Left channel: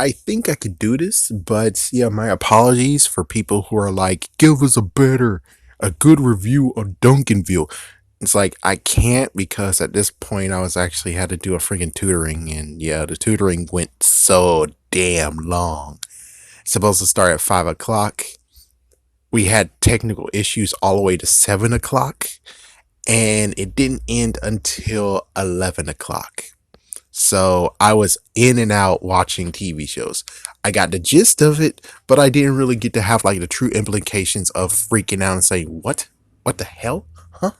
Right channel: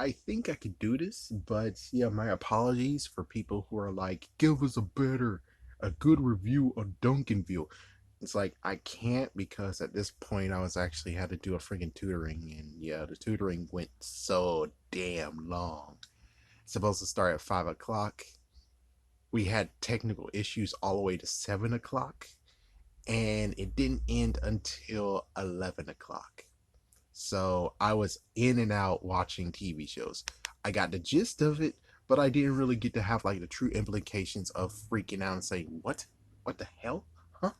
I think I could do this, but yeah, my apologies for people who are like, give us a good review on Duncanville. It's like I can't because at this point I was actually had to do a freaking tutoring, and yeah, the tutoring went so damn long. It's supposed to start at 5 o'clock. We had technical issues all the way to 7 o'clock, and it didn't end until 11 o'clock. So I was in and out watching TV shows. I got the gist of it, but I didn't really get to have like the true implications of freaking out and saying, what? What the hell? Huh?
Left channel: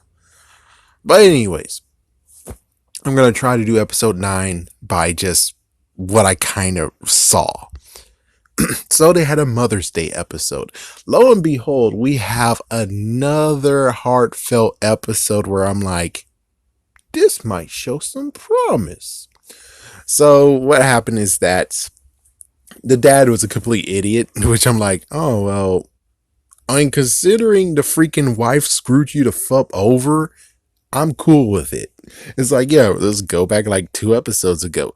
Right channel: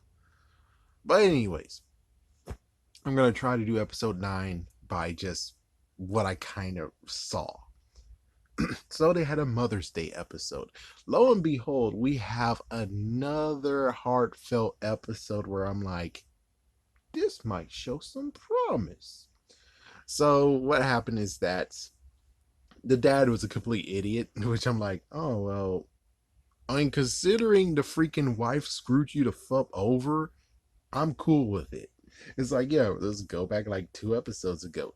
But anyways, I'm going to try to do episode 9 by just what I kind of saw. So they had a Mother's Day episode. Lo and behold, we have another heartfelt episode where I'm like, this might show some promise. So what happened is that the dad was a complete idiot, which I'm like, oh, well, I mean, considering the freaking wife screwed you the fuck over, I'm cool with it. It's like, yeah, let's go back like 2 episodes ago.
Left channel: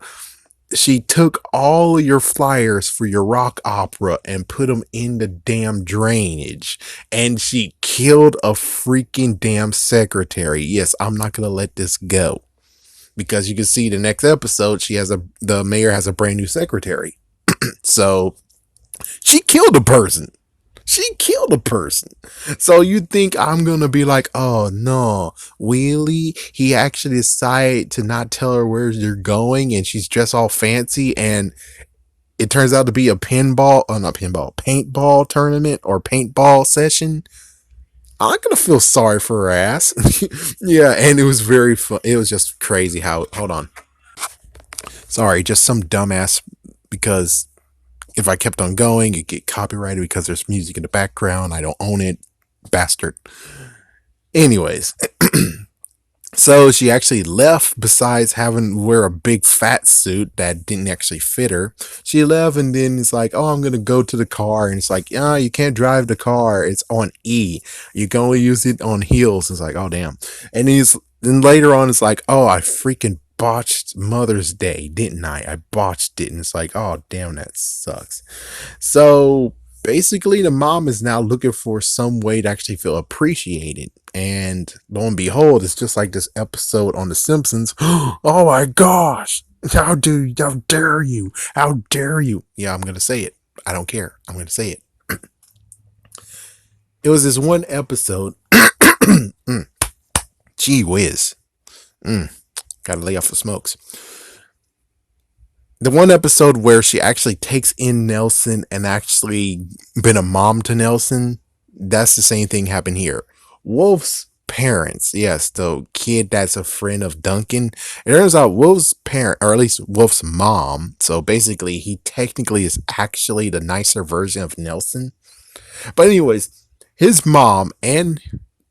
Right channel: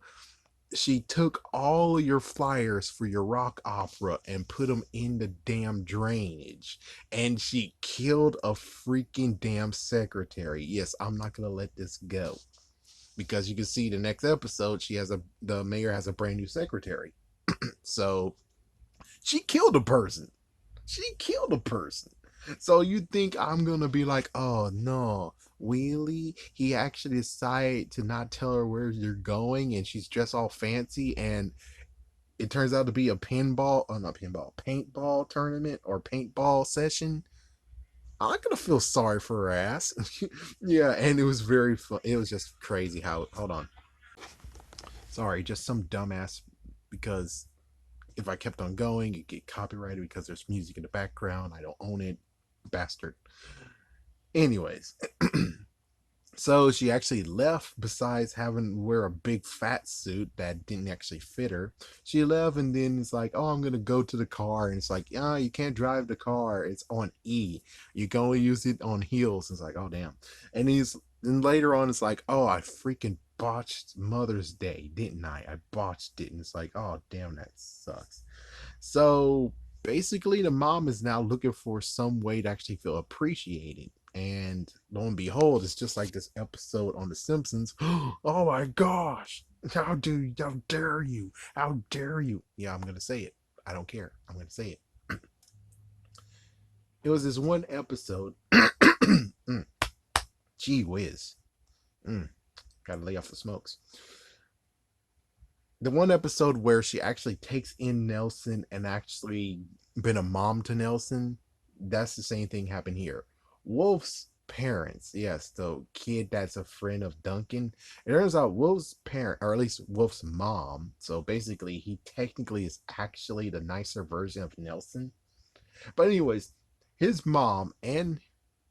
She took all of your flyers for your rock opera and put them in the damn drainage. And she killed a freaking damn secretary. Yes, I'm not going to let this go. Because you can see the next episode, the mayor has a brand new secretary. So she killed a person. She killed a person. So you think I'm going to be like, oh no, Wheelie, he actually decided to not tell her where you're going and she's dressed all fancy and it turns out to be a paintball tournament or paintball session. I'm not going to feel sorry for her ass. Yeah, and it was very fun. It was just crazy how, hold on. Sorry, just some dumbass because if I kept on going, it'd get copyrighted because there's music in the background. I don't own it. Bastard. Anyways, so she actually left besides having to wear a big fat suit that didn't actually fit her. She left and then it's like, oh, I'm going to go to the car. And it's like, yeah, you can't drive the car. It's on E. You can only use it on heels. It's like, oh, damn. And then later on, it's like, oh, I freaking botched Mother's Day, didn't I? I botched it. And it's like, oh, damn, that sucks. So basically, the mom is now looking for some way to actually feel appreciated. And lo and behold, it's just like this episode on The Simpsons. Oh my gosh. How dare you? How dare you? Yeah, I'm going to say it. I don't care. I'm going to say it. It was this one episode. Gee whiz. Gotta lay off the smokes. The one episode where she actually takes in Nelson and actually been a mom to Nelson, that's the same thing happened here. Wolf's parents, yes, the kid that's a friend of Duncan. It turns out Wolf's parent, or at least Wolf's mom, so basically he technically is actually the nicer version of Nelson. But anyways, his mom and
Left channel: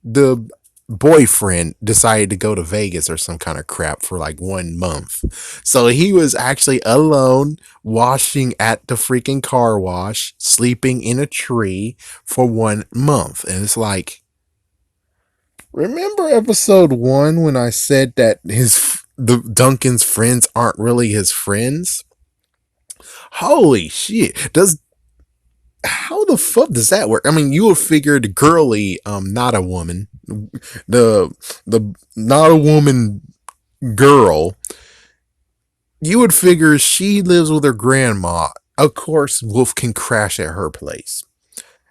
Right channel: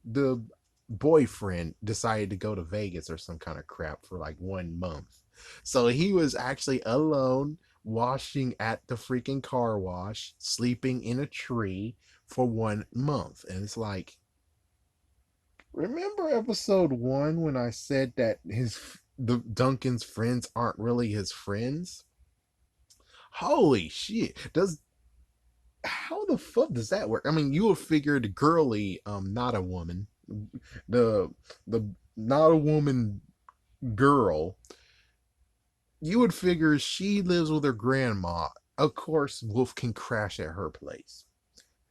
the boyfriend decided to go to Vegas or some kind of crap for like 1 month. So he was actually alone, washing at the freaking car wash, sleeping in a tree for 1 month. And it's like, remember episode 1 when I said that the Duncan's friends aren't really his friends? Holy shit. How the fuck does that work? I mean, you would figure the girly, not a woman, the not a woman girl, you would figure she lives with her grandma. Of course, Wolf can crash at her place.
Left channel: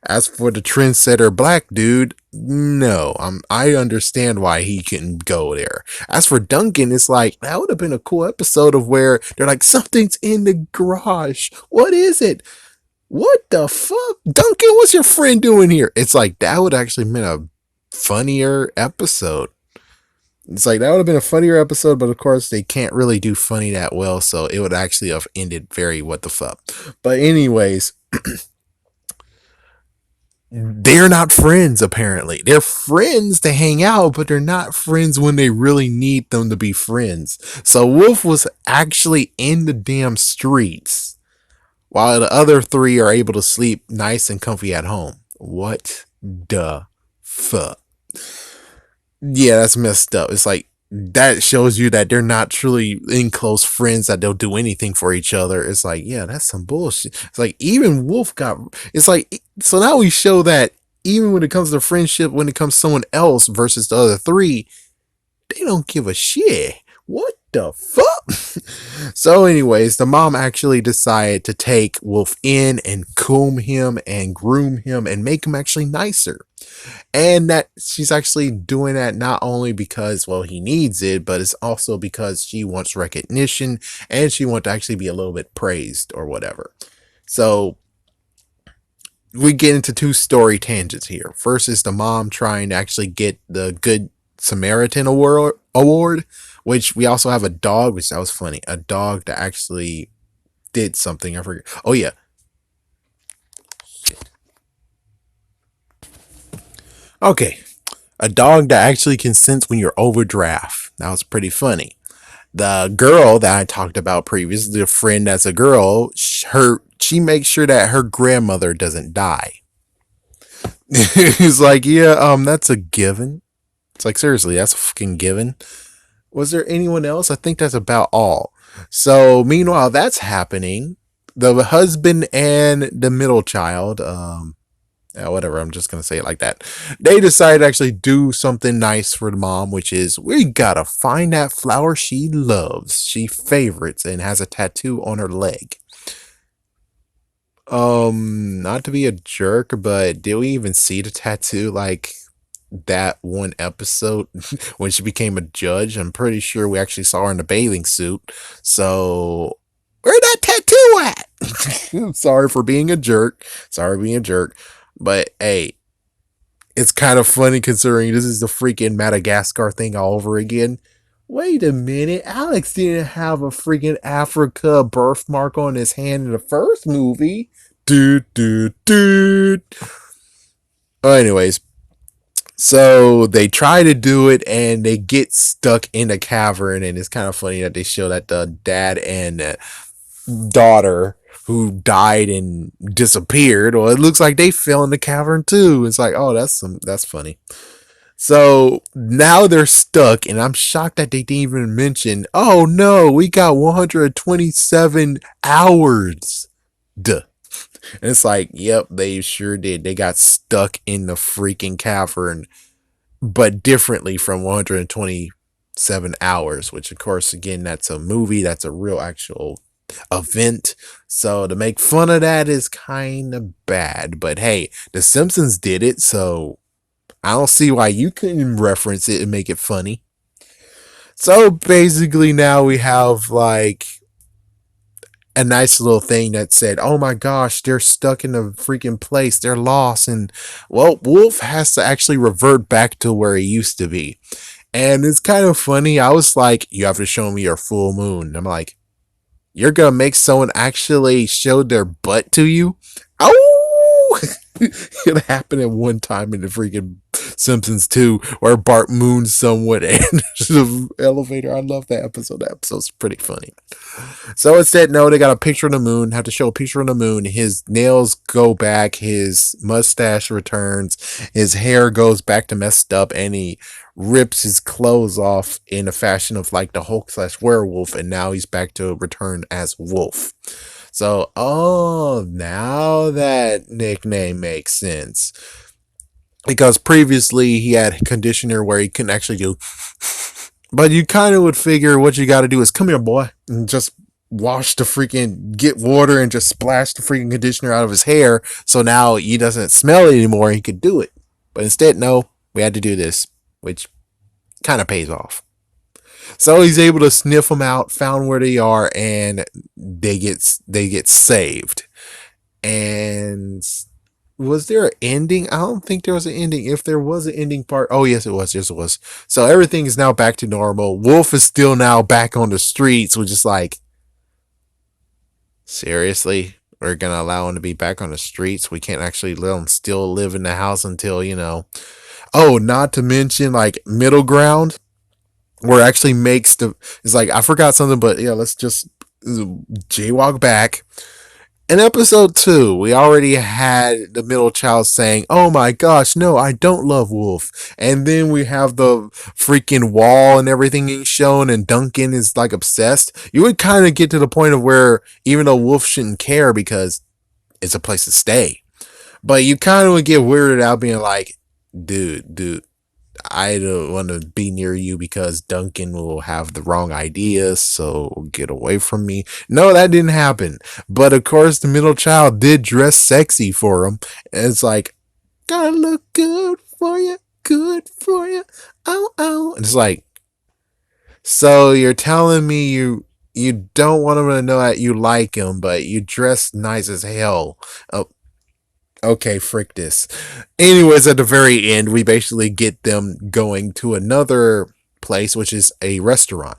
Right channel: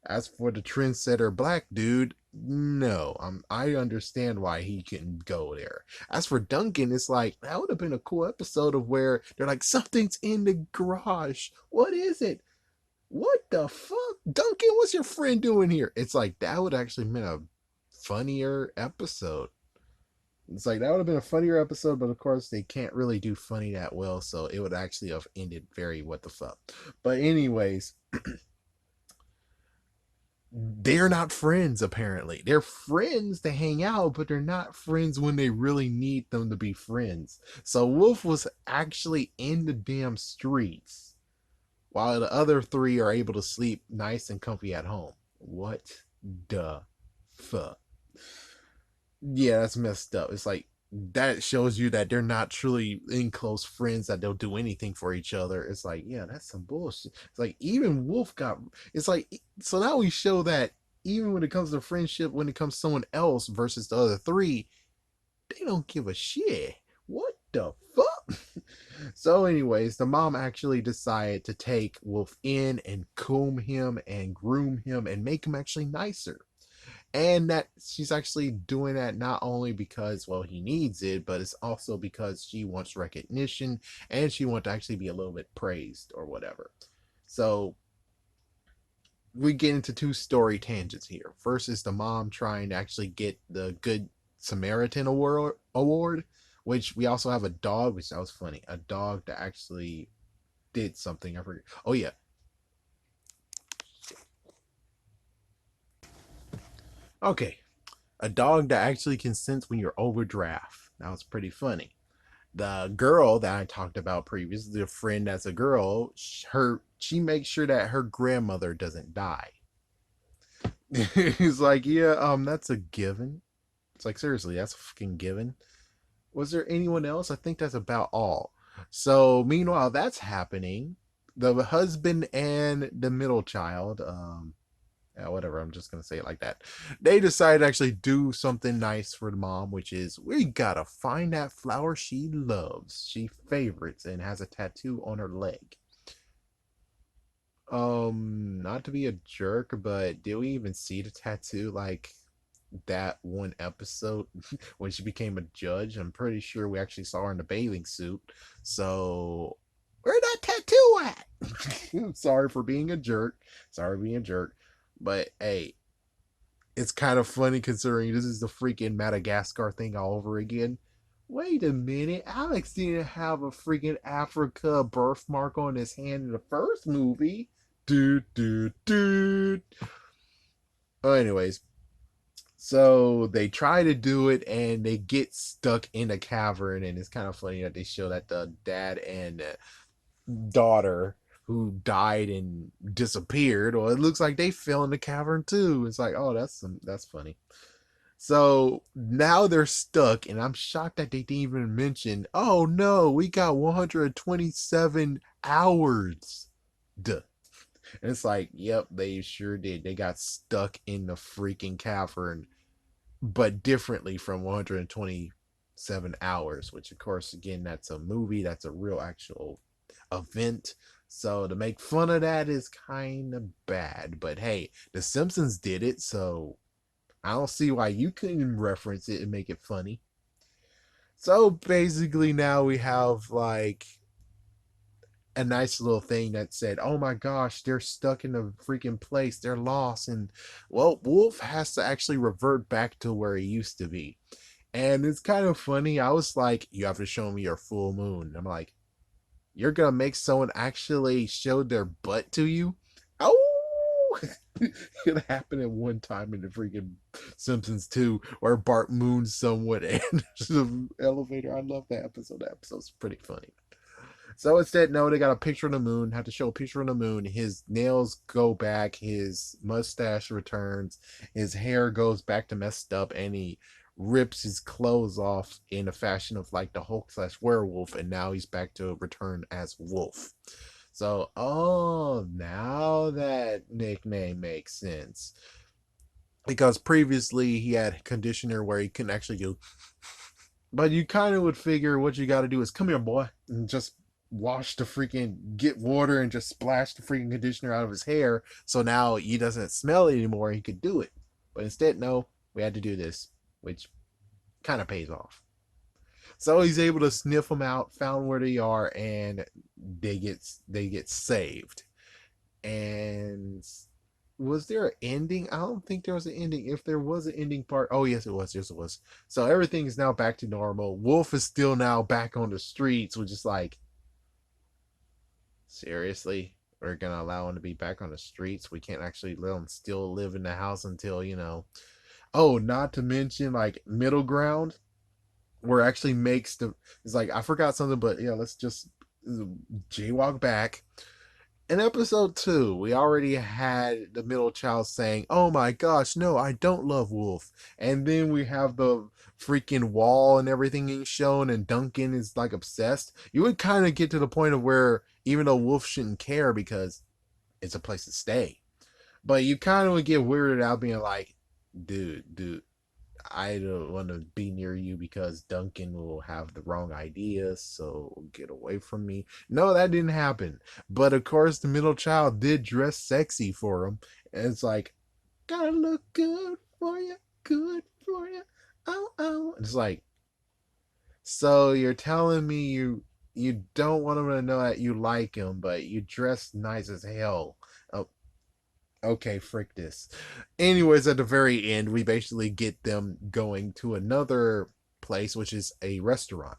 As for the trendsetter black dude, no, I understand why he couldn't go there. As for Duncan, it's like, that would have been a cool episode of where they're like, something's in the garage. What is it? What the fuck? Duncan, what's your friend doing here? It's like, that would actually been a funnier episode. It's like, that would have been a funnier episode, but of course, they can't really do funny that well, so it would actually have ended very what the fuck. But, anyways, they're not friends, apparently. They're friends to hang out, but they're not friends when they really need them to be friends. So, Wolf was actually in the damn streets while the other three are able to sleep nice and comfy at home. What the fuck? Yeah, that's messed up. It's like, that shows you that they're not truly in close friends, that they'll do anything for each other. It's like, yeah, that's some bullshit. It's like even Wolf got, it's like, so now we show that even when it comes to friendship, when it comes to someone else versus the other three, they don't give a shit. What the fuck? So, anyways, the mom actually decided to take Wolf in and comb him and groom him and make him actually nicer. And that she's actually doing that not only because, well, he needs it, but it's also because she wants recognition and she wants to actually be a little bit praised or whatever. So we get into two story tangents here. First is the mom trying to actually get the Good Samaritan award, which we also have a dog, which that was funny. A dog that actually did something. I forget. Oh yeah. Okay. A dog that actually can sense when you're overdraft. That was pretty funny. The girl that I talked about previously, the friend that's a girl, she makes sure that her grandmother doesn't die. He's like, yeah, that's a given. It's like, seriously, that's a fucking given. Was there anyone else? I think that's about all. So meanwhile, that's happening. The husband and the middle child, yeah, whatever, I'm just gonna say it like that. They decide to actually do something nice for the mom, which is we gotta find that flower she loves, she favorites, and has a tattoo on her leg. Not to be a jerk, but did we even see the tattoo like that one episode when she became a judge? I'm pretty sure we actually saw her in a bathing suit. So where that tattoo at? Sorry for being a jerk. Sorry for being a jerk. But hey, it's kind of funny considering this is the freaking Madagascar thing all over again. Wait a minute, Alex didn't have a freaking Africa birthmark on his hand in the first movie. Dude, dude, dude. Oh, anyways, so they try to do it and they get stuck in a cavern, and it's kind of funny that they show that the dad and daughter who died and disappeared, well, it looks like they fell in the cavern too. It's like, oh, that's funny. So now they're stuck, and I'm shocked that they didn't even mention, oh no, we got 127 hours. Duh. And it's like, yep, they sure did. They got stuck in the freaking cavern, but differently from 127 hours, which, of course, again, that's a movie, that's a real actual event. So to make fun of that is kind of bad. But hey, The Simpsons did it, so I don't see why you couldn't reference it and make it funny. So basically, now we have like a nice little thing that said, "Oh my gosh, they're stuck in a freaking place. They're lost." And well, Wolf has to actually revert back to where he used to be. And it's kind of funny. I was like, "You have to show me your full moon." And I'm like, "You're gonna make someone actually show their butt to you?" Oh, it happened at one time in the freaking Simpsons 2 where Bart moons someone and the elevator. I love that episode. That episode's pretty funny. So instead, no, they got a picture of the moon, have to show a picture of the moon. His nails go back, his mustache returns, his hair goes back to messed up, and he rips his clothes off in a fashion of like the Hulk slash werewolf, and now he's back to return as Wolf. So, oh, now that nickname makes sense. Because previously he had a conditioner where he couldn't actually do. But you kind of would figure what you got to do is come here, boy, and just wash the freaking, get water and just splash the freaking conditioner out of his hair. So now he doesn't smell it anymore. He could do it. But instead, no, we had to do this, which kind of pays off. So he's able to sniff them out, found where they are, and they get saved. And was there an ending? I don't think there was an ending. If there was an ending part, oh yes, it was. Yes, it was. So everything is now back to normal. Wolf is still now back on the streets, which is like, seriously, we're gonna allow him to be back on the streets. We can't actually let him still live in the house until Oh, not to mention like middle ground, where it actually makes the. It's like I forgot something, but yeah, let's just jaywalk back. In episode 2, we already had the middle child saying, "Oh my gosh, no, I don't love Wolf." And then we have the freaking wall and everything being shown, and Duncan is like obsessed. You would kind of get to the point of where even though Wolf shouldn't care because it's a place to stay, but you kind of would get weirded out being like, dude, I don't want to be near you because Duncan will have the wrong ideas, so get away from me. No, that didn't happen. But of course, the middle child did dress sexy for him. And it's like, gotta look good for you, good for you. Oh, oh. And it's like, so you're telling me you don't want him to know that you like him, but you dress nice as hell. Oh, okay, frick this. Anyways, at the very end, we basically get them going to another place, which is a restaurant.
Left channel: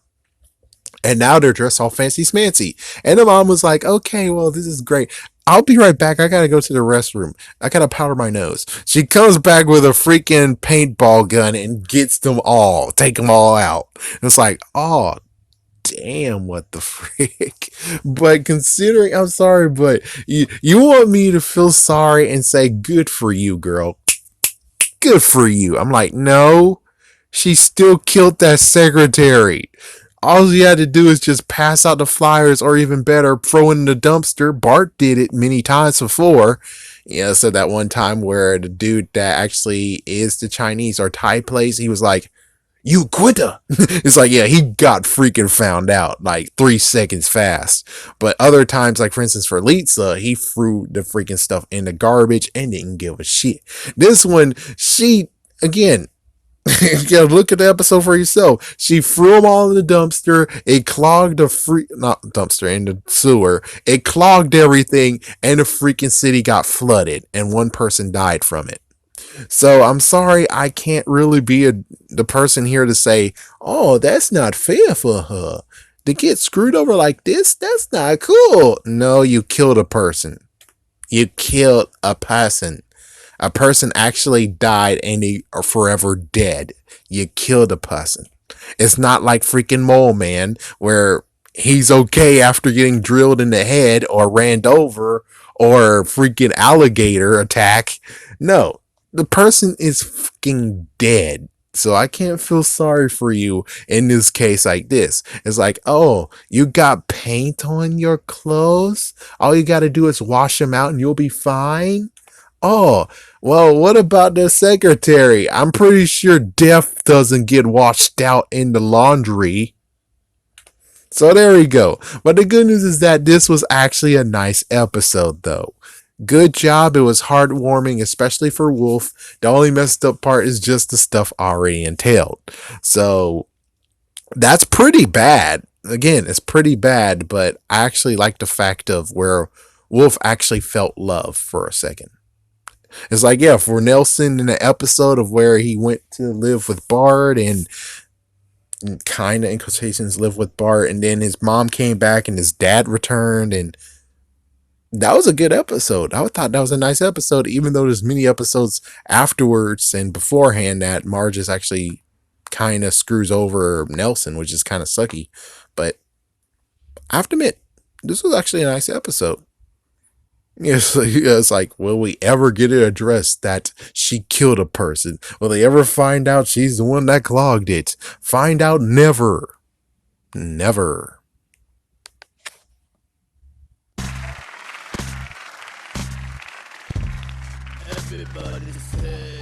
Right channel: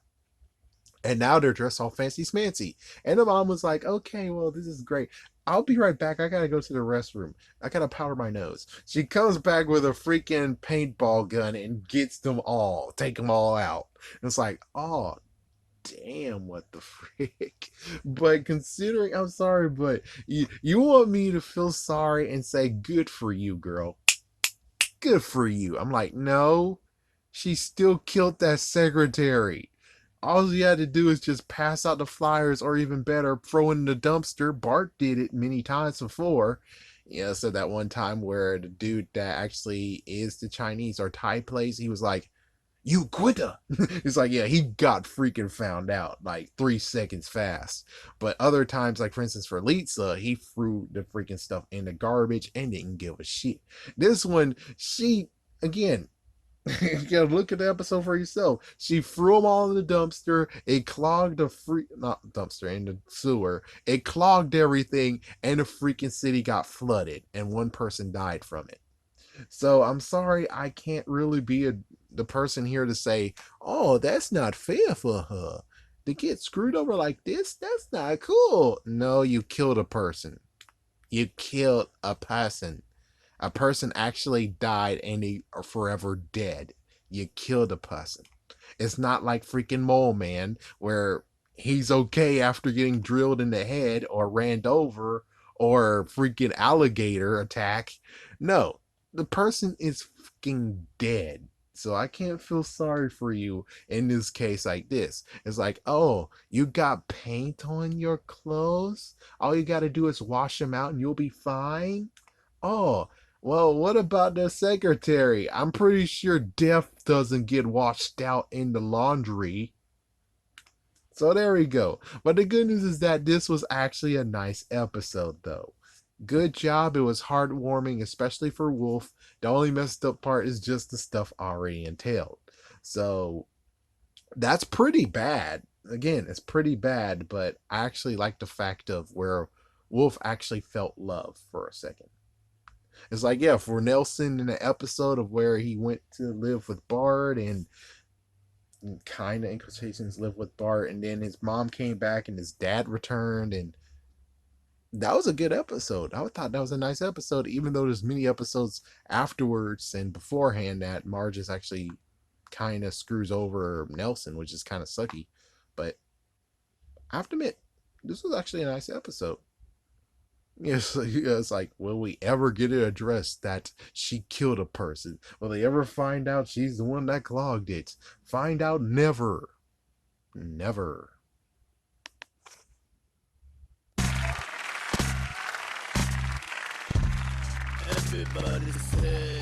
And now they're dressed all fancy smancy. And the mom was like, okay, well, this is great. I'll be right back. I gotta go to the restroom. I gotta powder my nose. She comes back with a freaking paintball gun and gets them all, take them all out. And it's like, oh, damn, what the frick? But considering, I'm sorry, but you want me to feel sorry and say, good for you, girl. Good for you. I'm like, no, she still killed that secretary. All you had to do is just pass out the flyers, or even better, throw in the dumpster. Bart did it many times before. So that one time where the dude that actually is the Chinese or Thai place, he was like, you quitter. It's like, yeah, he got freaking found out like 3 seconds fast. But other times, like for instance, for Lisa, he threw the freaking stuff in the garbage and didn't give a shit. This one, she, again, you gotta look at the episode for yourself. She threw them all in the dumpster. It clogged the not dumpster, in the sewer. It clogged everything, and the freaking city got flooded, and one person died from it. So I'm sorry, I can't really be the person here to say, oh, that's not fair for her. To get screwed over like this, that's not cool. No, you killed a person. You killed a person. A person actually died and they are forever dead. You killed a person. It's not like freaking Mole Man where he's okay after getting drilled in the head or ran over or freaking alligator attack. No, the person is fucking dead. So I can't feel sorry for you in this case like this. It's like, oh, you got paint on your clothes? All you got to do is wash them out and you'll be fine? Oh, well, what about the secretary? I'm pretty sure death doesn't get washed out in the laundry. So there we go. But the good news is that this was actually a nice episode, though. Good job. It was heartwarming, especially for Wolf. The only messed up part is just the stuff already entailed. So that's pretty bad. Again, it's pretty bad, but I actually like the fact of where Wolf actually felt love for a second. It's like, yeah, for Nelson in the episode of where he went to live with Bart and kind of in quotations live with Bart, and then his mom came back and his dad returned, and that was a good episode. I thought that was a nice episode, even though there's many episodes afterwards and beforehand that Marge is actually kind of screws over Nelson, which is kind of sucky. But I have to admit, this was actually a nice episode. It's like, will we ever get it addressed that she killed a person? Will they ever find out she's the one that clogged it? Find out never. Never. Everybody say